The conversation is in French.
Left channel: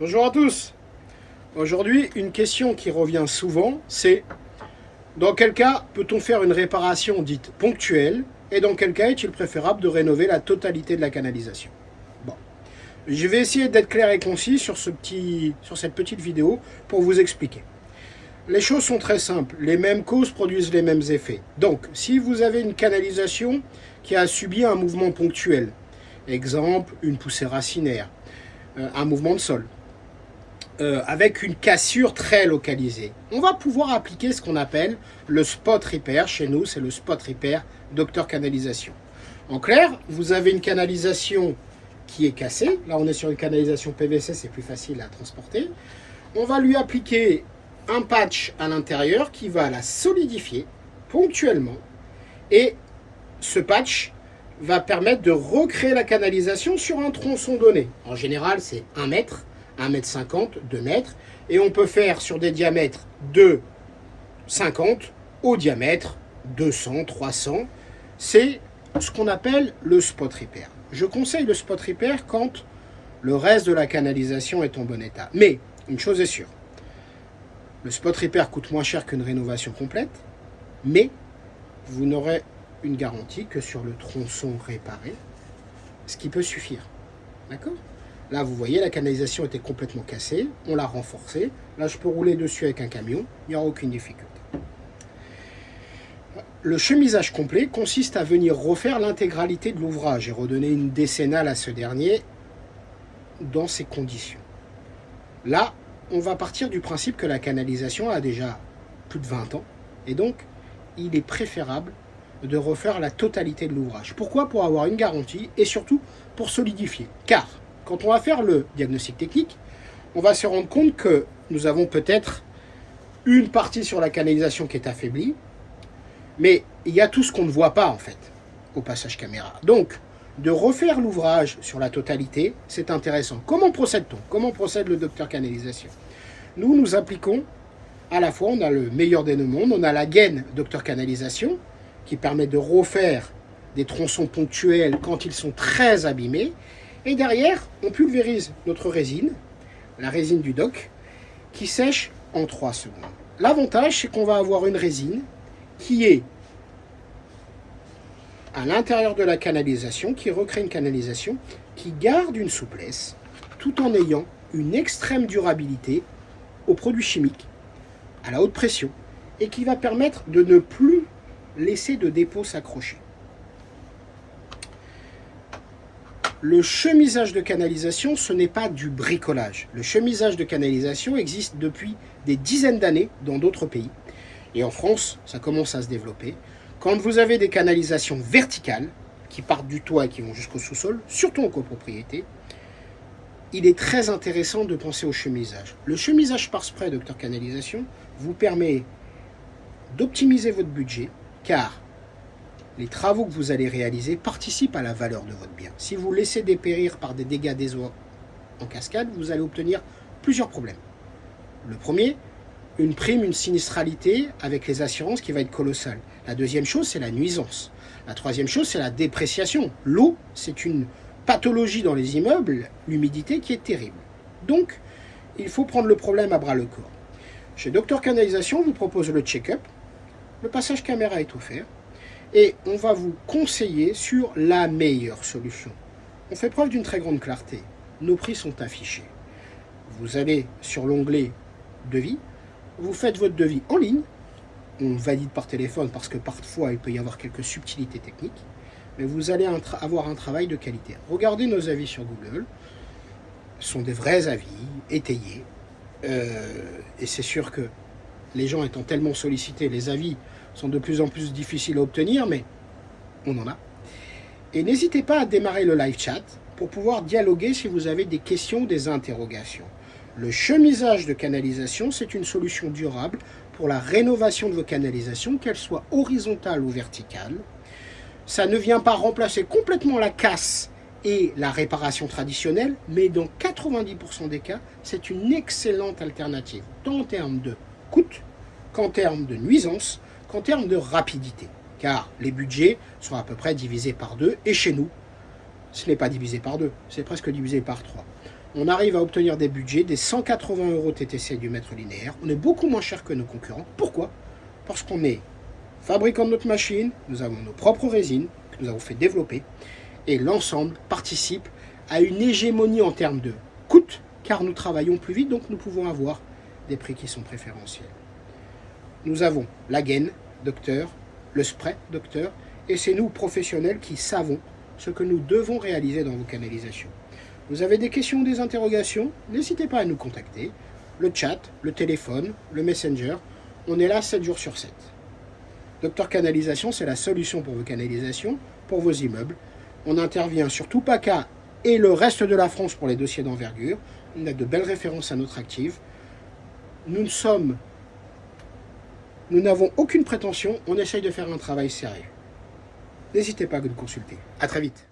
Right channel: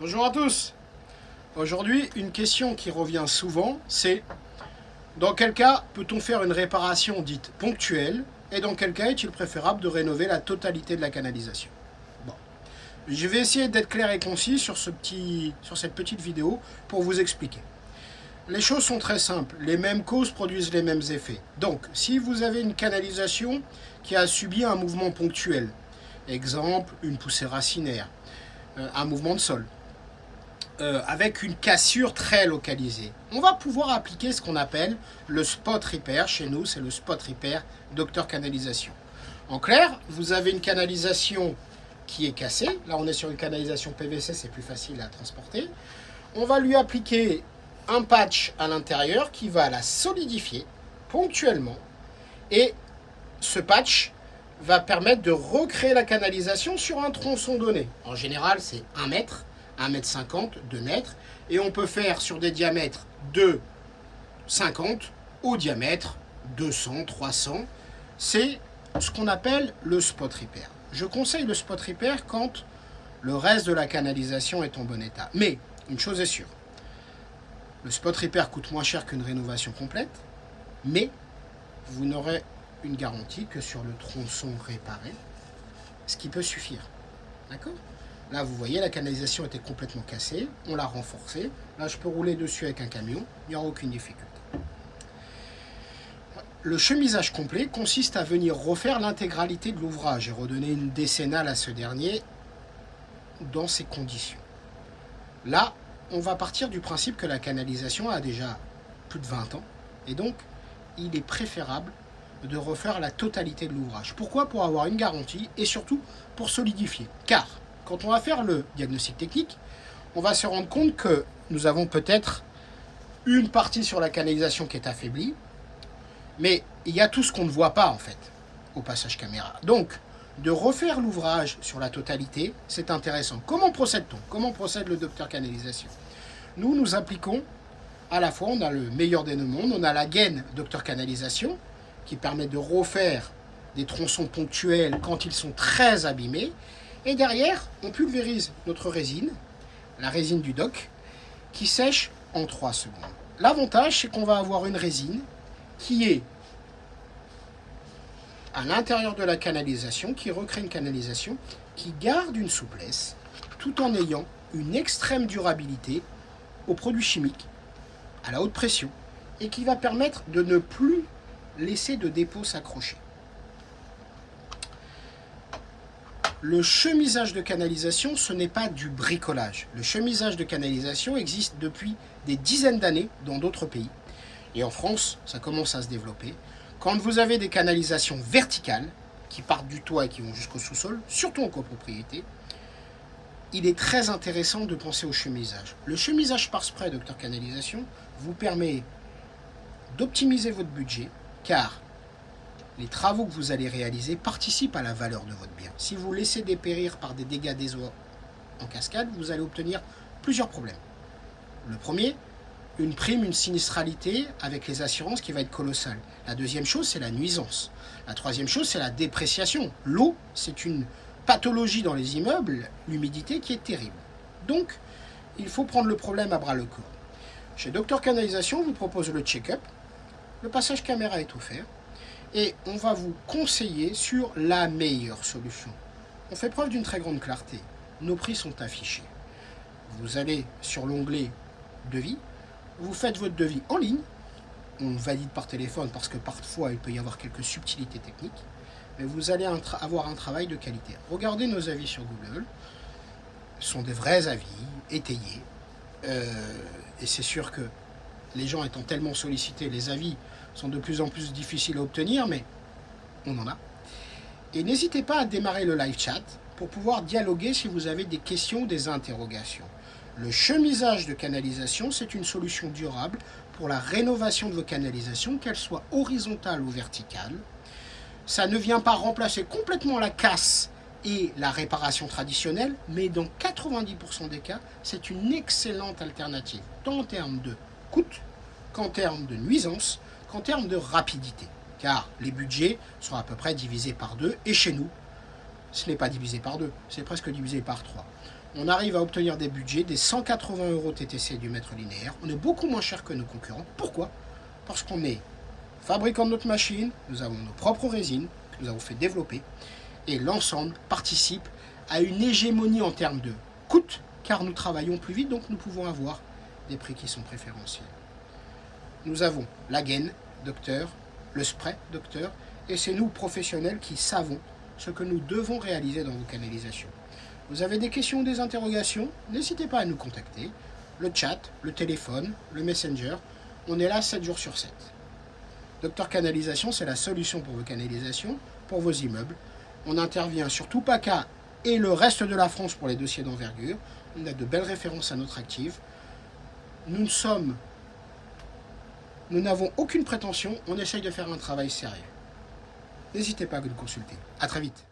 Bonjour à tous. Aujourd'hui, une question qui revient souvent, c'est dans quel cas peut-on faire une réparation dite ponctuelle et dans quel cas est-il préférable de rénover la totalité de la canalisation? Bon, je vais essayer d'être clair et concis sur cette petite vidéo pour vous expliquer. Les choses sont très simples, les mêmes causes produisent les mêmes effets. Donc, si vous avez une canalisation qui a subi un mouvement ponctuel, exemple une poussée racinaire, un mouvement de sol, avec une cassure très localisée, on va pouvoir appliquer ce qu'on appelle le spot repair. Chez nous, c'est le spot repair Docteur Canalisation. En clair, vous avez une canalisation qui est cassée. Là, on est sur une canalisation PVC, c'est plus facile à transporter. On va lui appliquer un patch à l'intérieur qui va la solidifier ponctuellement. Et ce patch va permettre de recréer la canalisation sur un tronçon donné. En général, c'est 1 mètre. 1,50 m, 2 mètres, et on peut faire sur des diamètres de 50 au diamètre 200, 300. C'est ce qu'on appelle le spot repair. Je conseille le spot repair quand le reste de la canalisation est en bon état. Mais, une chose est sûre, le spot repair coûte moins cher qu'une rénovation complète, mais vous n'aurez une garantie que sur le tronçon réparé, ce qui peut suffire. D'accord ? Là, vous voyez, la canalisation était complètement cassée. On l'a renforcée. Là, je peux rouler dessus avec un camion. Il n'y aura aucune difficulté. Le chemisage complet consiste à venir refaire l'intégralité de l'ouvrage et redonner une décennale à ce dernier dans ces conditions. Là, on va partir du principe que la canalisation a déjà plus de 20 ans. Et donc, il est préférable de refaire la totalité de l'ouvrage. Pourquoi ? Pour avoir une garantie et surtout pour solidifier. Car quand on va faire le diagnostic technique, on va se rendre compte que nous avons peut-être une partie sur la canalisation qui est affaiblie, mais il y a tout ce qu'on ne voit pas en fait au passage caméra. Donc, de refaire l'ouvrage sur la totalité, c'est intéressant. Comment procède-t-on ? Comment procède le docteur canalisation ? Nous appliquons à la fois, on a le meilleur des deux mondes, on a la gaine docteur canalisation qui permet de refaire des tronçons ponctuels quand ils sont très abîmés. Et derrière, on pulvérise notre résine, la résine du doc, qui sèche en 3 secondes. L'avantage, c'est qu'on va avoir une résine qui est à l'intérieur de la canalisation, qui recrée une canalisation, qui garde une souplesse, tout en ayant une extrême durabilité aux produits chimiques, à la haute pression, et qui va permettre de ne plus laisser de dépôt s'accrocher. Le chemisage de canalisation, ce n'est pas du bricolage. Le chemisage de canalisation existe depuis des dizaines d'années dans d'autres pays. Et en France, ça commence à se développer. Quand vous avez des canalisations verticales, qui partent du toit et qui vont jusqu'au sous-sol, surtout en copropriété, il est très intéressant de penser au chemisage. Le chemisage par spray Docteur Canalisation vous permet d'optimiser votre budget, car les travaux que vous allez réaliser participent à la valeur de votre bien. Si vous laissez dépérir par des dégâts des eaux en cascade, vous allez obtenir plusieurs problèmes. Le premier, une prime, une sinistralité avec les assurances qui va être colossale. La deuxième chose, c'est la nuisance. La troisième chose, c'est la dépréciation. L'eau, c'est une pathologie dans les immeubles, l'humidité qui est terrible. Donc, il faut prendre le problème à bras le corps. Chez Docteur Canalisation, on vous propose le check-up. Le passage caméra est offert. Et on va vous conseiller sur la meilleure solution. On fait preuve d'une très grande clarté. Nos prix sont affichés. Vous allez sur l'onglet devis, vous faites votre devis en ligne. On valide par téléphone parce que parfois il peut y avoir quelques subtilités techniques. Mais vous allez avoir un travail de qualité. Regardez nos avis sur Google. Ce sont des vrais avis, étayés. Et c'est sûr que les gens étant tellement sollicités, les avis sont de plus en plus difficiles à obtenir, mais on en a. Et n'hésitez pas à démarrer le live chat pour pouvoir dialoguer si vous avez des questions ou des interrogations. Le chemisage de canalisation, c'est une solution durable pour la rénovation de vos canalisations, qu'elles soient horizontales ou verticales. Ça ne vient pas remplacer complètement la casse et la réparation traditionnelle, mais dans 90% des cas, c'est une excellente alternative, tant en termes de coût qu'en termes de nuisance, qu'en termes de rapidité, car les budgets sont à peu près divisés par 2, et chez nous, ce n'est pas divisé par 2, c'est presque divisé par 3. On arrive à obtenir des budgets des 180 € TTC du mètre linéaire. On est beaucoup moins cher que nos concurrents. Pourquoi? Parce qu'on est fabricant de notre machine, nous avons nos propres résines que nous avons fait développer et l'ensemble participe à une hégémonie en termes de coût car nous travaillons plus vite, donc nous pouvons avoir des prix qui sont préférentiels. Nous avons la gaine, docteur, le spray, docteur, et c'est nous, professionnels, qui savons ce que nous devons réaliser dans vos canalisations. Vous avez des questions ou des interrogations? N'hésitez pas à nous contacter. Le chat, le téléphone, le messenger, on est là 7 jours sur 7. Docteur Canalisation, c'est la solution pour vos canalisations, pour vos immeubles. On intervient sur Tupaca et le reste de la France pour les dossiers d'envergure. On a de belles références à notre actif. Nous n'avons aucune prétention, on essaye de faire un travail sérieux. N'hésitez pas à nous consulter. À très vite.